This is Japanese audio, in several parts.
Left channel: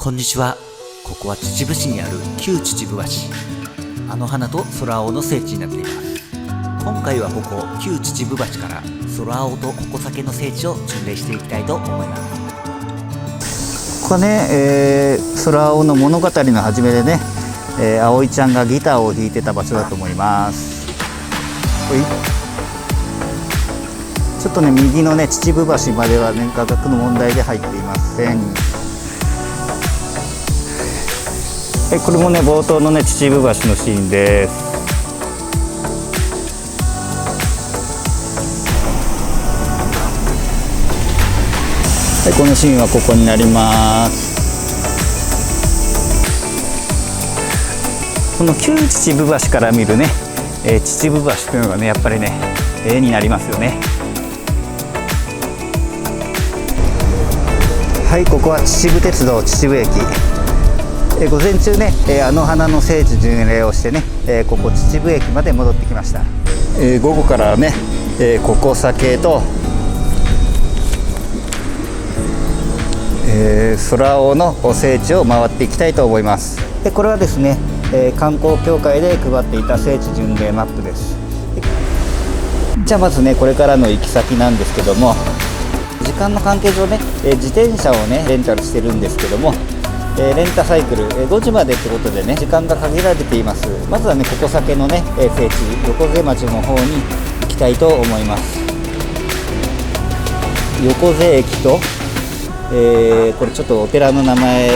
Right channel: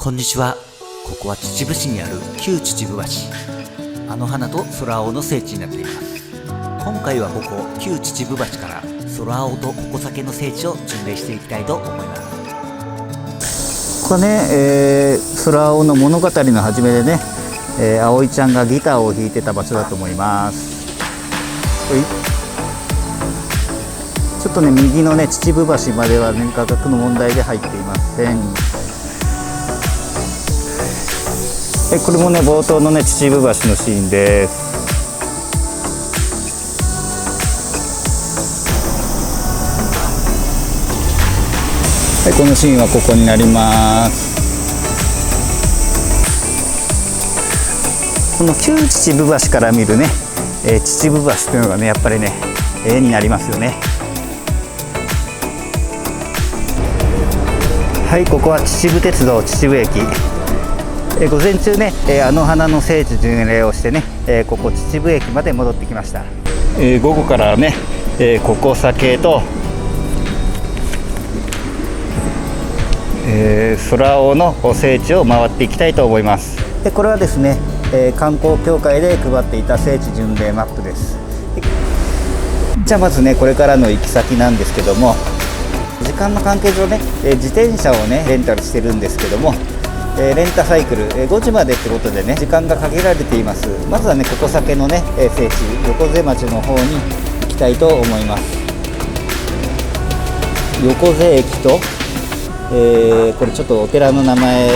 こんにちは。ここは秩父市にある旧秩父橋。あの花と空青の聖地になっています。今回はここ旧秩父橋から空青と矛先の聖地を巡礼していきたいと思います。ここはね、空青の物語の始めでね、葵ちゃんがギターを弾いてた場所だと思います。ちょっとね、右のね秩父橋まではね、価格の問題で入っていません。これもね、冒頭のね秩父橋のシーンです。はい、このシーンはここになります。この旧秩父橋から見るね、秩父橋というのがね、やっぱりね絵になりますよね。はい、ここは秩父鉄道秩父駅。午前中ね、あの花の聖地巡礼をしてね、ここ秩父駅まで戻ってきました。午後からね、矛先と、空青の聖地を回っていきたいと思います。これはですね、観光協会で配っていた聖地巡礼マップです。じゃあまずね、これからの行き先なんですけども、時間の関係上ね、自転車をねレンタルしてるんですけども、レンタサイクル、5時までってことでね、時間が限られています。まずはね、矛先のね、聖地横瀬町の方に行きたいと思います。横瀬駅と、これちょっとお寺の名前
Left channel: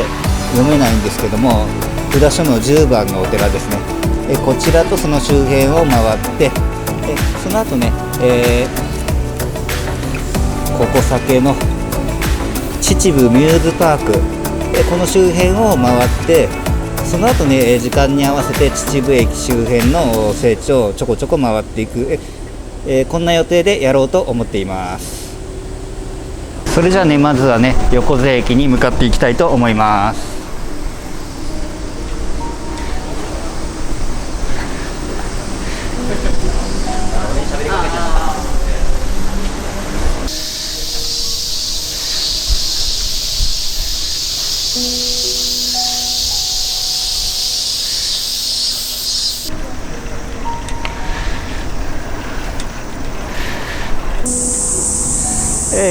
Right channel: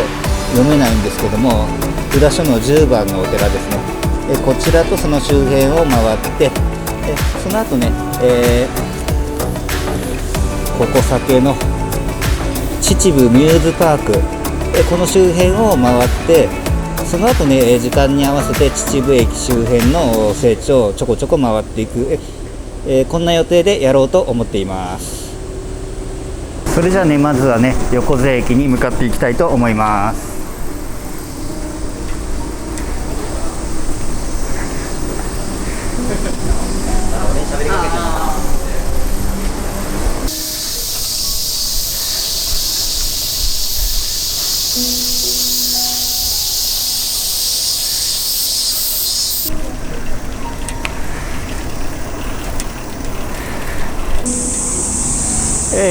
読めないんですけども、札所の10番のお寺ですね。こちらとその周辺を回って、その後ね、矛先の秩父ミューズパーク、この周辺を回って、その後ね、時間に合わせて秩父駅周辺の聖地をちょこちょこ回っていく、こんな予定でやろうと思っています。それじゃあね、まずはね、横瀬駅に向かっていきたいと思います。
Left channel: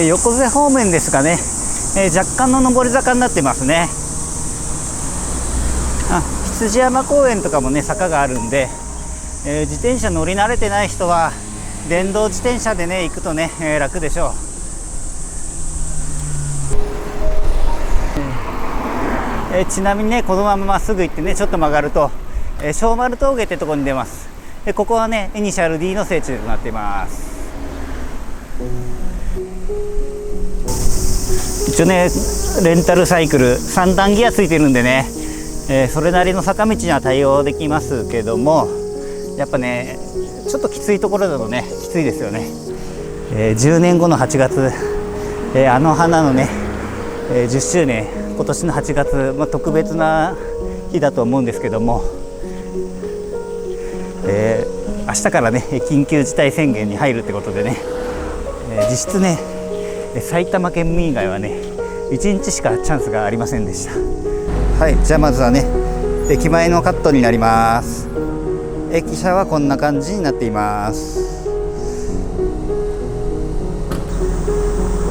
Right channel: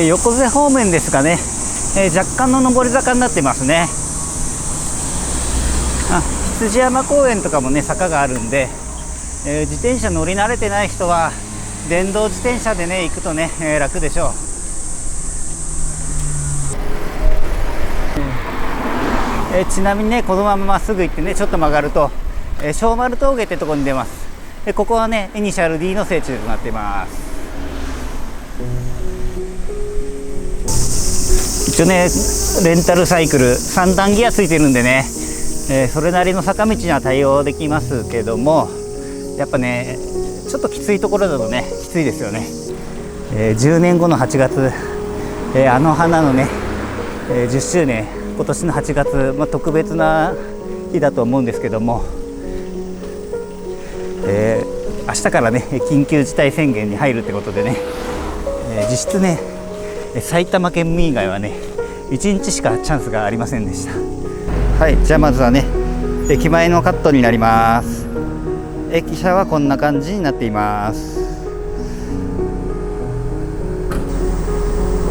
横瀬方面ですがね、若干の上り坂になってますね。羊山公園とかもね、坂があるんで、自転車乗り慣れてない人は電動自転車でね行くとね、楽でしょう。ちなみにね、このまままっすぐ行ってね、ちょっと曲がると、小丸峠ってところに出ます。ここはね、イニシャル D の聖地となっています。一応ね、レンタルサイクル3段ギアついてるんでね、それなりの坂道には対応できますけども、やっぱねちょっときついところだとね、きついですよね。10年後の8月、あの花のね、10周年、今年の8月、特別な日だと思うんですけども、明日からね緊急事態宣言に入るってことでね、実質ね埼玉県民以外はね1日しかチャンスがありませんでした。はい、じゃあまずはね、駅前のカットになります。駅舎はこんな感じになっています。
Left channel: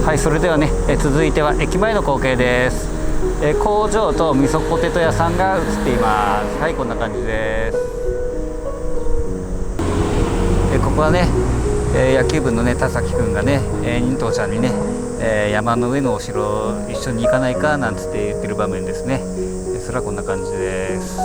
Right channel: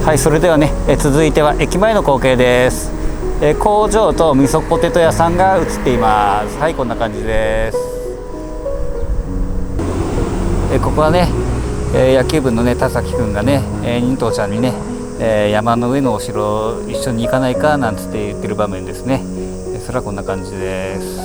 はい、それではね、続いては駅前の光景です。工場と味噌ポテト屋さんが映っています。はい、こんな感じです。ここはね、野球部のね田崎くんがね、忍冬ちゃんにね、山の上のお城一緒に行かないかなんつって言ってる場面ですね。それはこんな感じです。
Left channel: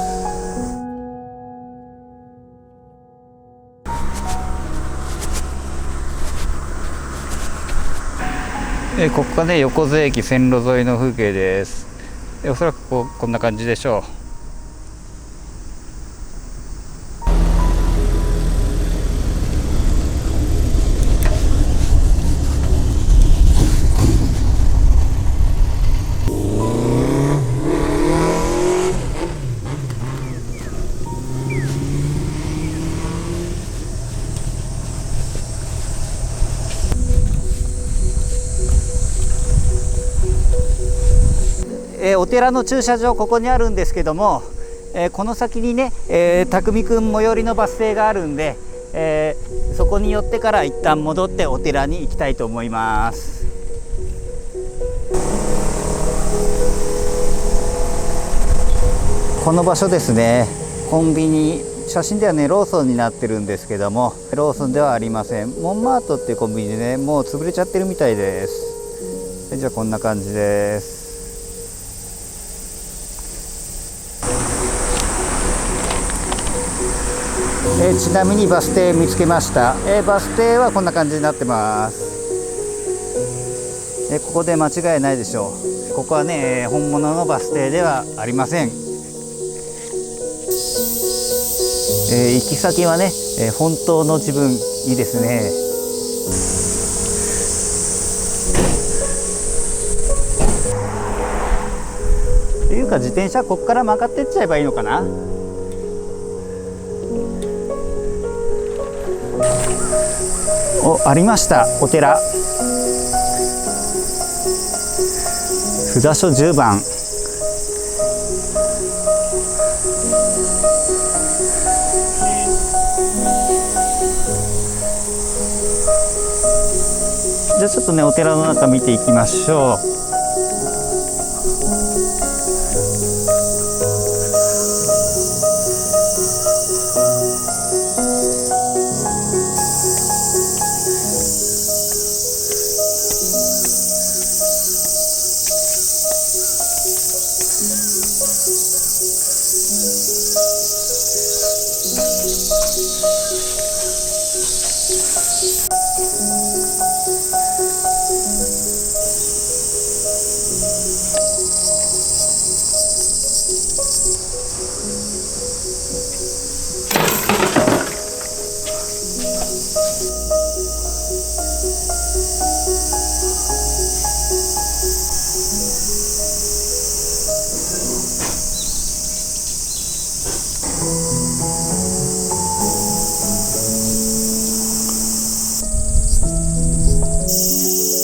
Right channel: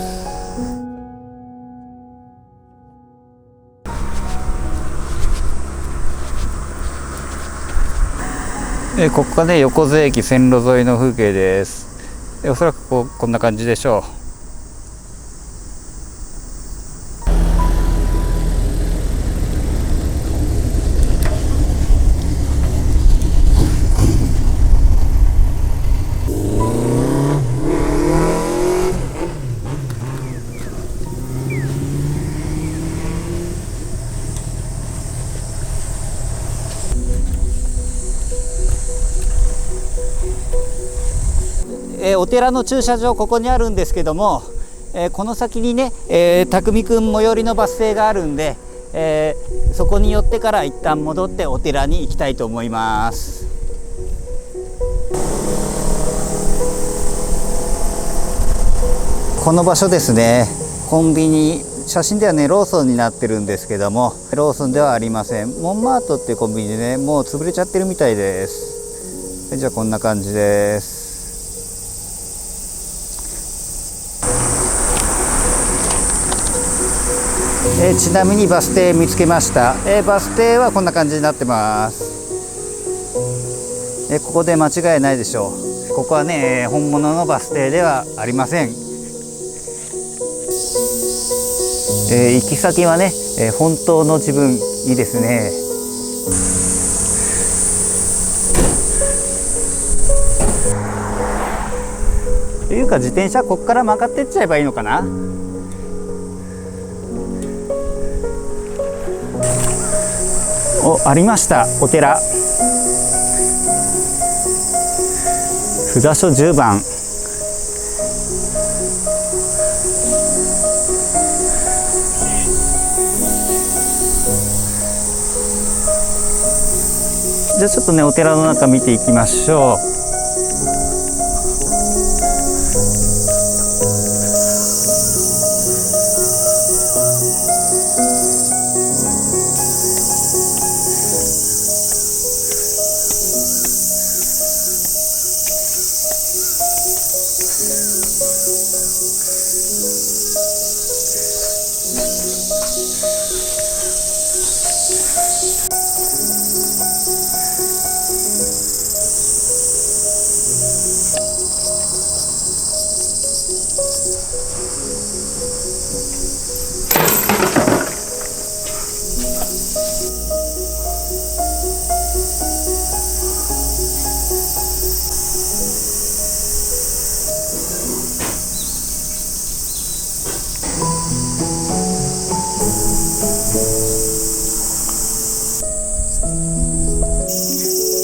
ここがね、横瀬駅線路沿いの風景です。おそらくこんな感じでしょう。お寺の駐車場ここにあるんですけども、この先にね、匠くん最寄りのバス停があるんで、そこに寄ってから一旦戻ってお寺に行きたいと思います。この場所ですね、コンビニ、写真ではねローソンになってるんですけども、ローソンではありません。モンマートっていうコンビニでね、もう潰れちゃってるみたいです。じゃあこんな感じです。ちなみにバス停見つけました。バス停はこんな感じになってます。ここで間違いないでしょう。ここはね、本物のバス停ではありません。行き先はね、本当の自分いいですね。というか自転車ここから曲がってっちゃえばいいのかな。ありました、お寺。札所10番。じゃあちょっとね、お寺の中見ていきましょう。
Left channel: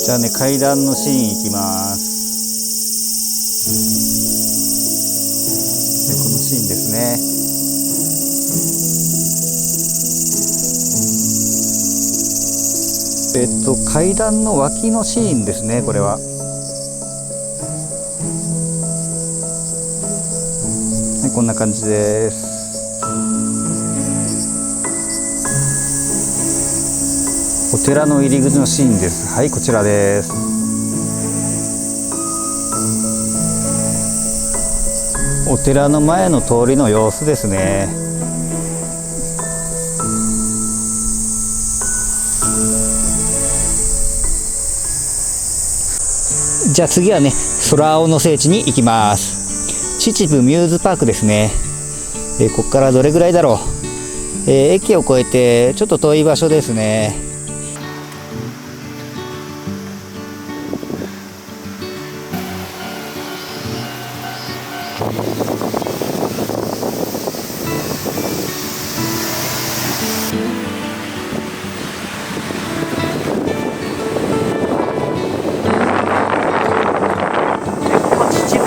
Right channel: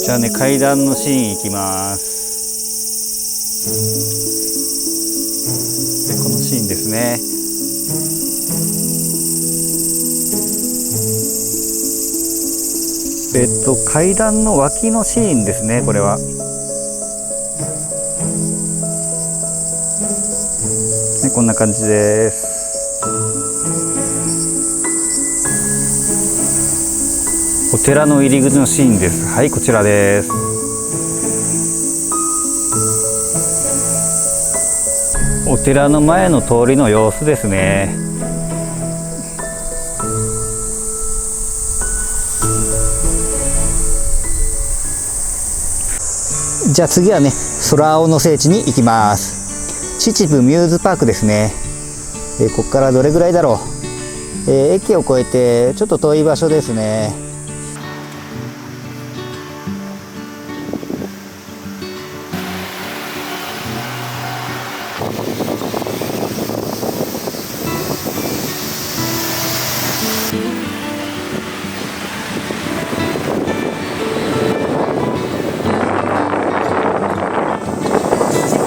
じゃあね、階段のシーン行きます。で、このシーンですね。階段の脇のシーンですね、これは。ね、こんな感じです。お寺の入り口のシーンです。はい、こちらです。お寺の前の通りの様子ですね。じゃあ次はね、空青の聖地に行きます。秩父ミューズパークですね。ここからどれぐらいだろう。駅を越えてちょっと遠い場所ですね。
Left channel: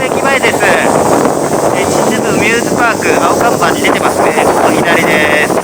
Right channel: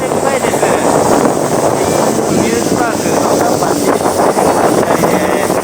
駅前です。秩父ミューズパーク、青看板に出てますね。ここ左です。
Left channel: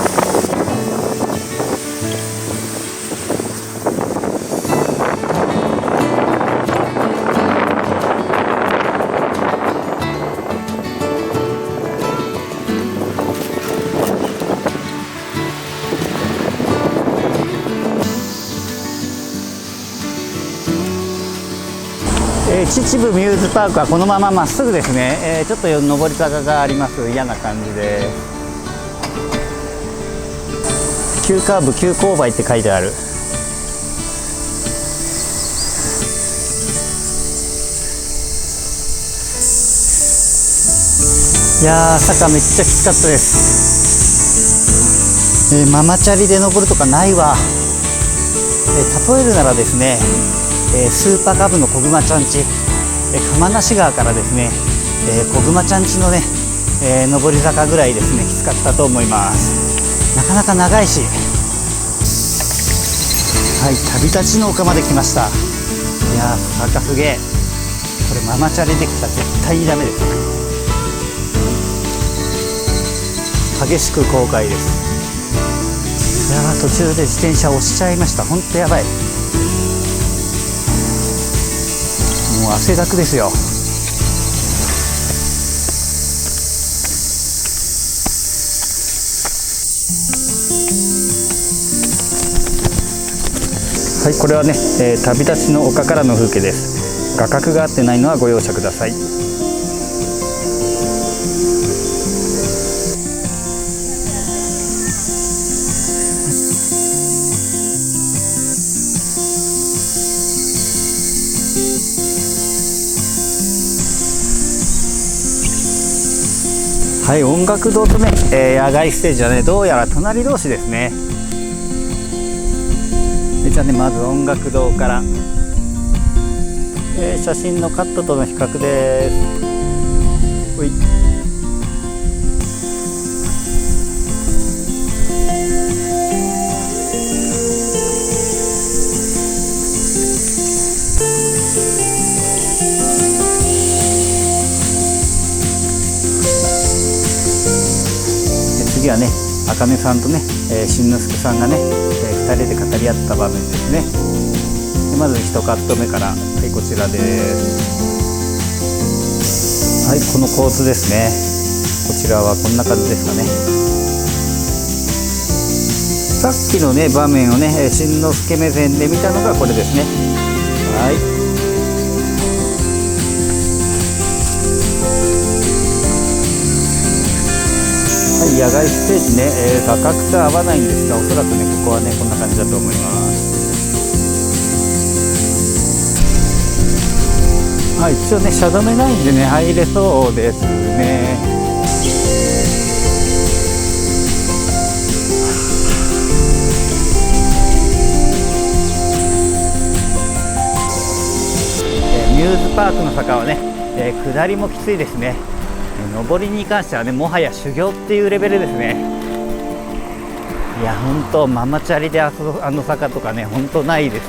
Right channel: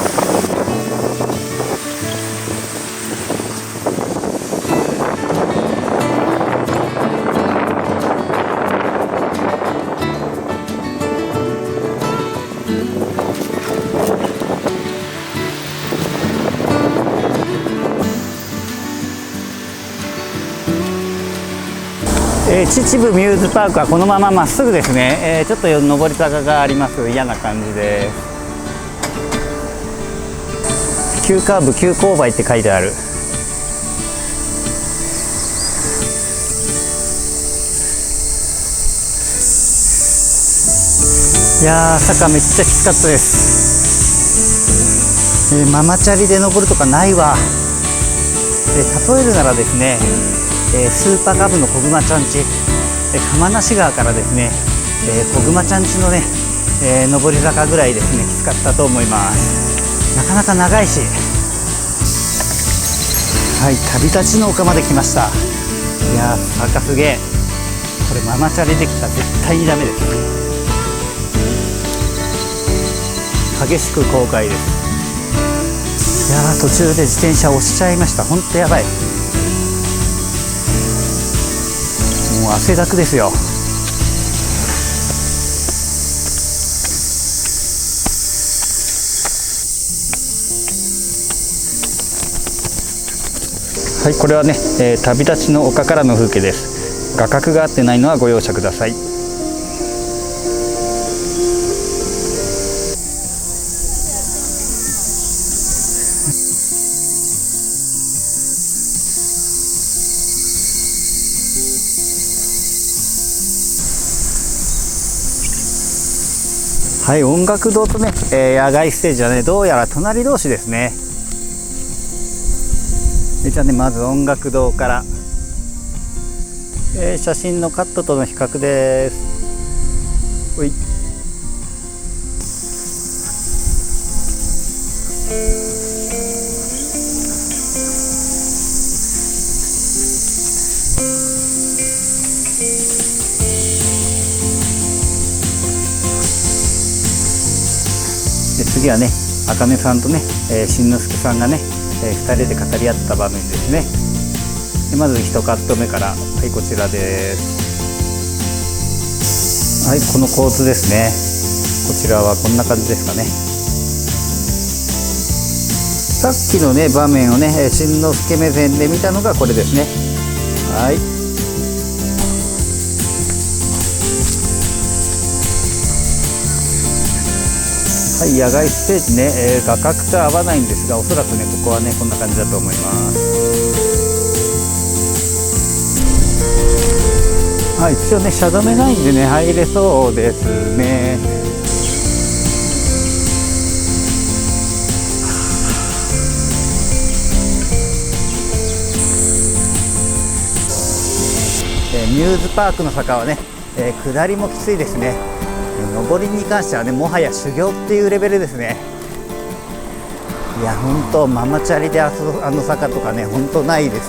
秩父ミューズパークはこのまままっすぐですね。ちょっと上り坂があります。嫌な感じです。急カーブ急勾配って書いてある。いやー、坂めっちゃきつかったです。ママチャリで登るとかないわ。例えるならですね、スーパーカブの小熊ちゃんち、釜無川からですね、小熊ちゃんちのね、上り坂ぐらいですね、きつかったと思います。なかなか長いし。はい、旅立ちの丘まで来ました。いやー、坂すげえ。これママチャリできたら絶対にダメです。激しく後悔です。いやー、途中で自転車押しちゃいました。ほんとやばい。もう汗だくですよ。はい、これはね、旅立ちの丘からの風景です。画角が合ってないのはご容赦ください。はい、音楽堂とね、野外ステージはね、どうやら隣同士ですね。じゃあね、まず音楽堂から、写真のカットとの比較です。ほい。次はね、茜さんとね、新之助さんがね、2人で語り合った場面ですね。でまず1カット目から、はい、こちらです。はい、この構図ですね。こちらはこんな感じですかね。さっきのね場面をね、新之助目線で見たのがこれですね。はい。はい、野外ステージね、画角と合わないんですが、おそらくね、ここはね、こんな感じだと思います。はい、一応ね、車止めないんでね、入れそうですね。ミューズパークの坂はね、下りもきついですね。上りに関してはね、もはや修行っていうレベルですね。いや、本当ママチャリであの坂とかね、本当ないです。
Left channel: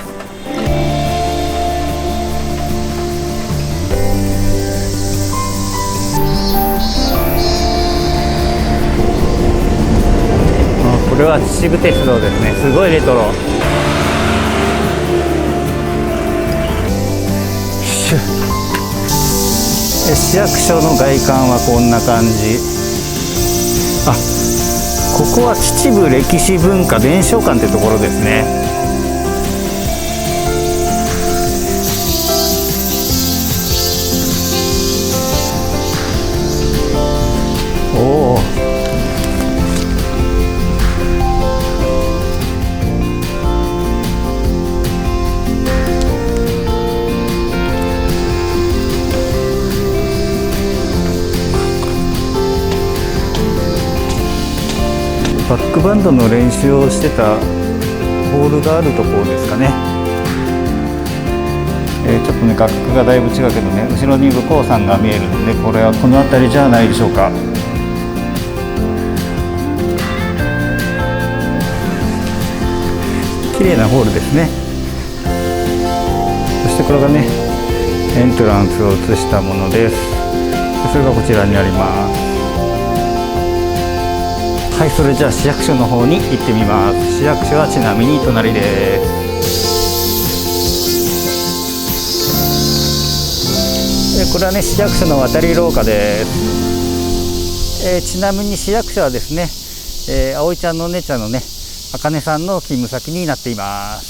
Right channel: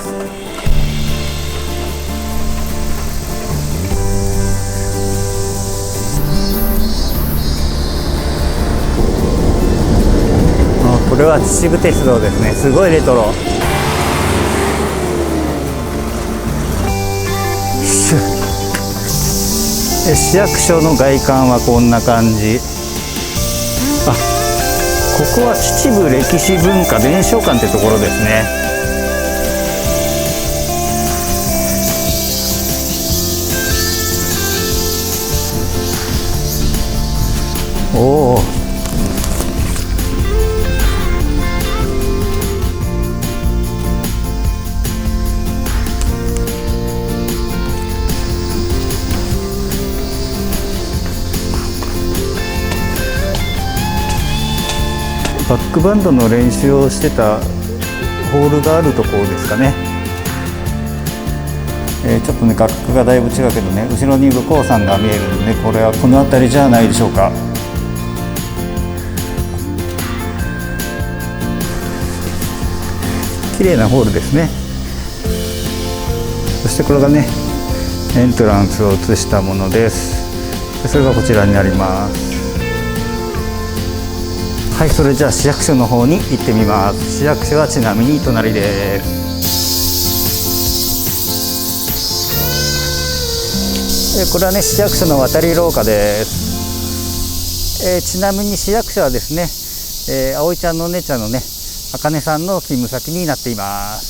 これは秩父鉄道ですね。すごいレトロ。市役所の外観はこんな感じ。あ、ここは秩父歴史文化伝承館ってところですね。おお。バックバンドの練習をしてたホールがあるところですかね。ちょっとね、画角がだいぶ違うけどね、後ろに武甲山が見えるので、これはこの辺りじゃないでしょうか。綺麗なホールですね。そしてこれがね、エントランスを映したものです。それがこちらになります。はい、それじゃあ市役所の方に行ってみます。市役所はちなみに隣です。これはね、市役所の渡り廊下です。ちなみに市役所はですね、葵ちゃんのお姉ちゃんのね、茜さんの勤務先になっています。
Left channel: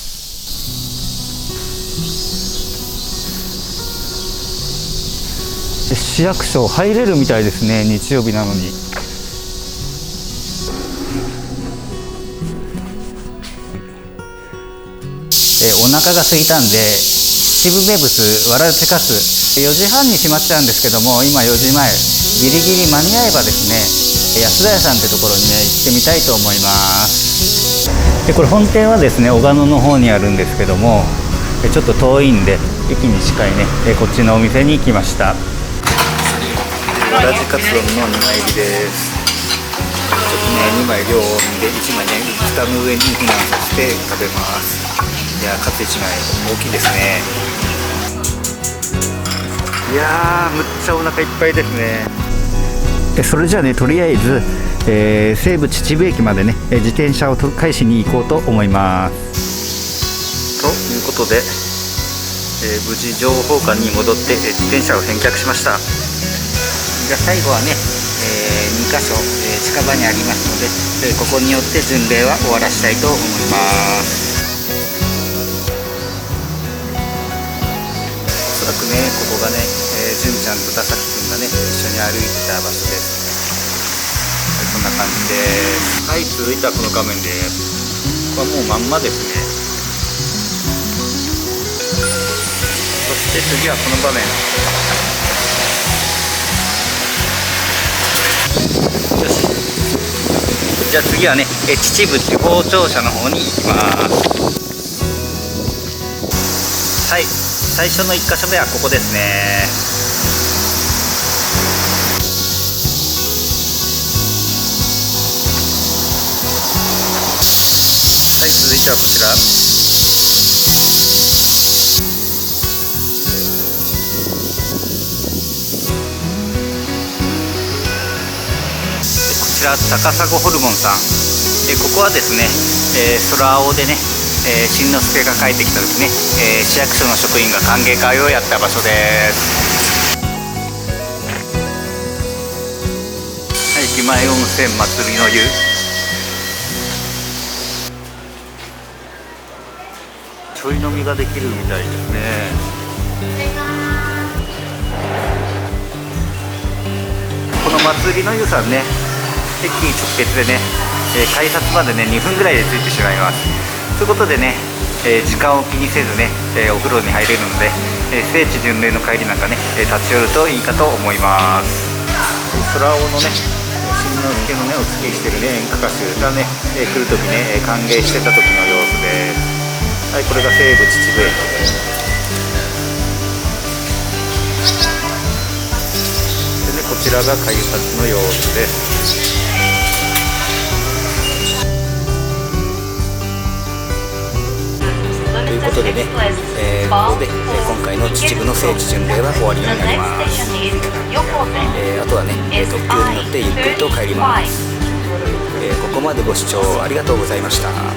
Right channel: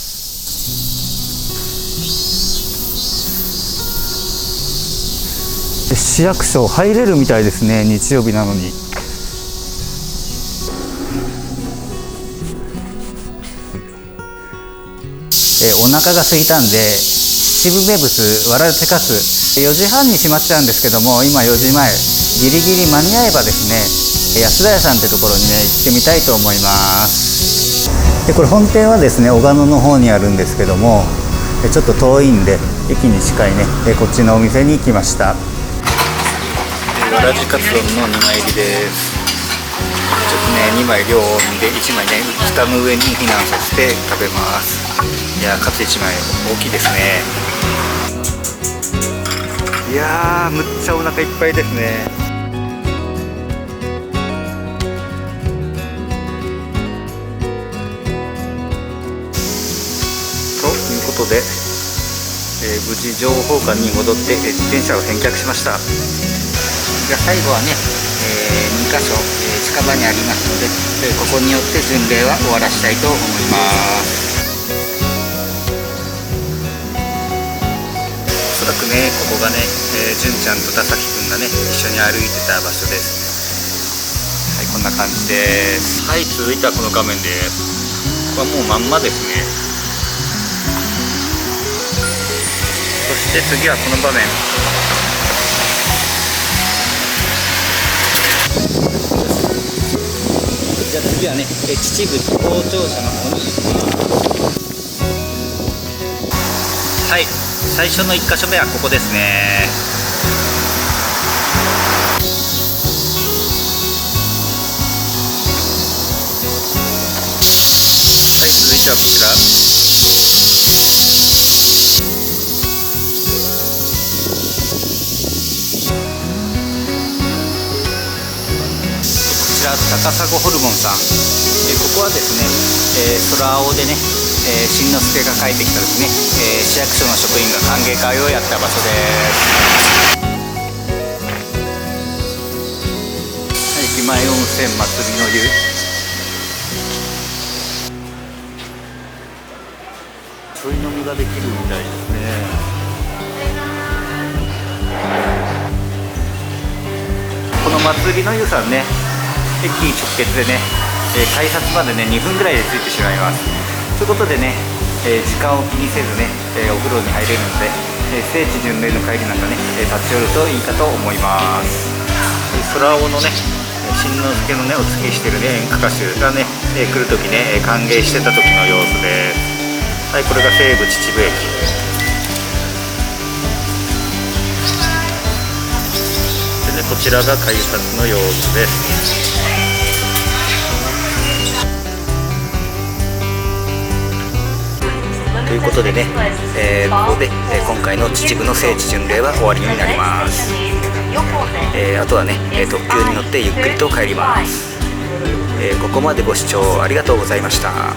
市役所入れるみたいですね、日曜日なのに。お腹が空いたんで、秩父名物わらじかつ4時半に閉まっちゃうんですけども、今4時前、ギリギリ間に合えばですね、安田屋さんってところにね、行ってみたいと思います。でこれ本店はですね、小鹿野の方にあるんですけども、ちょっと遠いんで駅に近いね、こっちのお店に来ました。わらじかつ丼の2枚入りです。ちょっとね、2枚量多めで1枚ね、蓋の上に避難させて食べます。いや、カツ1枚大きいですね。いやーむっちゃお腹いっぱいですね。それじゃあね、とりあえず、西武秩父駅までね自転車を返しに行こうと思います。ということで、無事情報館に戻って自転車を返却しました。じゃあ最後はね、2箇所、近場にありますので、ここによって巡礼は終わらしたいと思います。おそらくね、ここがね、純ちゃんと田崎くんがね一緒に歩いてた場所です。はい、こんな感じです。はい、続いてはこの画面です。ここはもうまんまですね。そして次はこの場面。よし、じゃあ次はね、秩父地方庁舎の方に行きます。はい、最初の1箇所目はここですね。はい、続いてはこちら。こちら高砂ホルモンさん。ここはですね、空青でね、しんのすけが帰ってきた時ね、市役所の職員が歓迎会をやった場所です。はい、駅前温泉祭りの湯。ちょい飲みができるみたいですね。この祭りの湯さんね、駅直結でね、改札までね2分ぐらいで着いてしまいます。ということでね、時間を気にせずね、お風呂に入れるので、聖地巡礼の帰りなんかね、立ち寄るといいかと思います。空青のね、しんのすけのねお付きしてるね演歌歌手がね、来るときね歓迎してた時の様子です。はい、これが西武秩父駅。でね、こちらが改札の様子です。ということでね、ここで、今回の秩父の聖地巡礼は終わりになります。あとはね、特急に乗ってゆっくりと帰ります。ここまでご視聴ありがとうございました。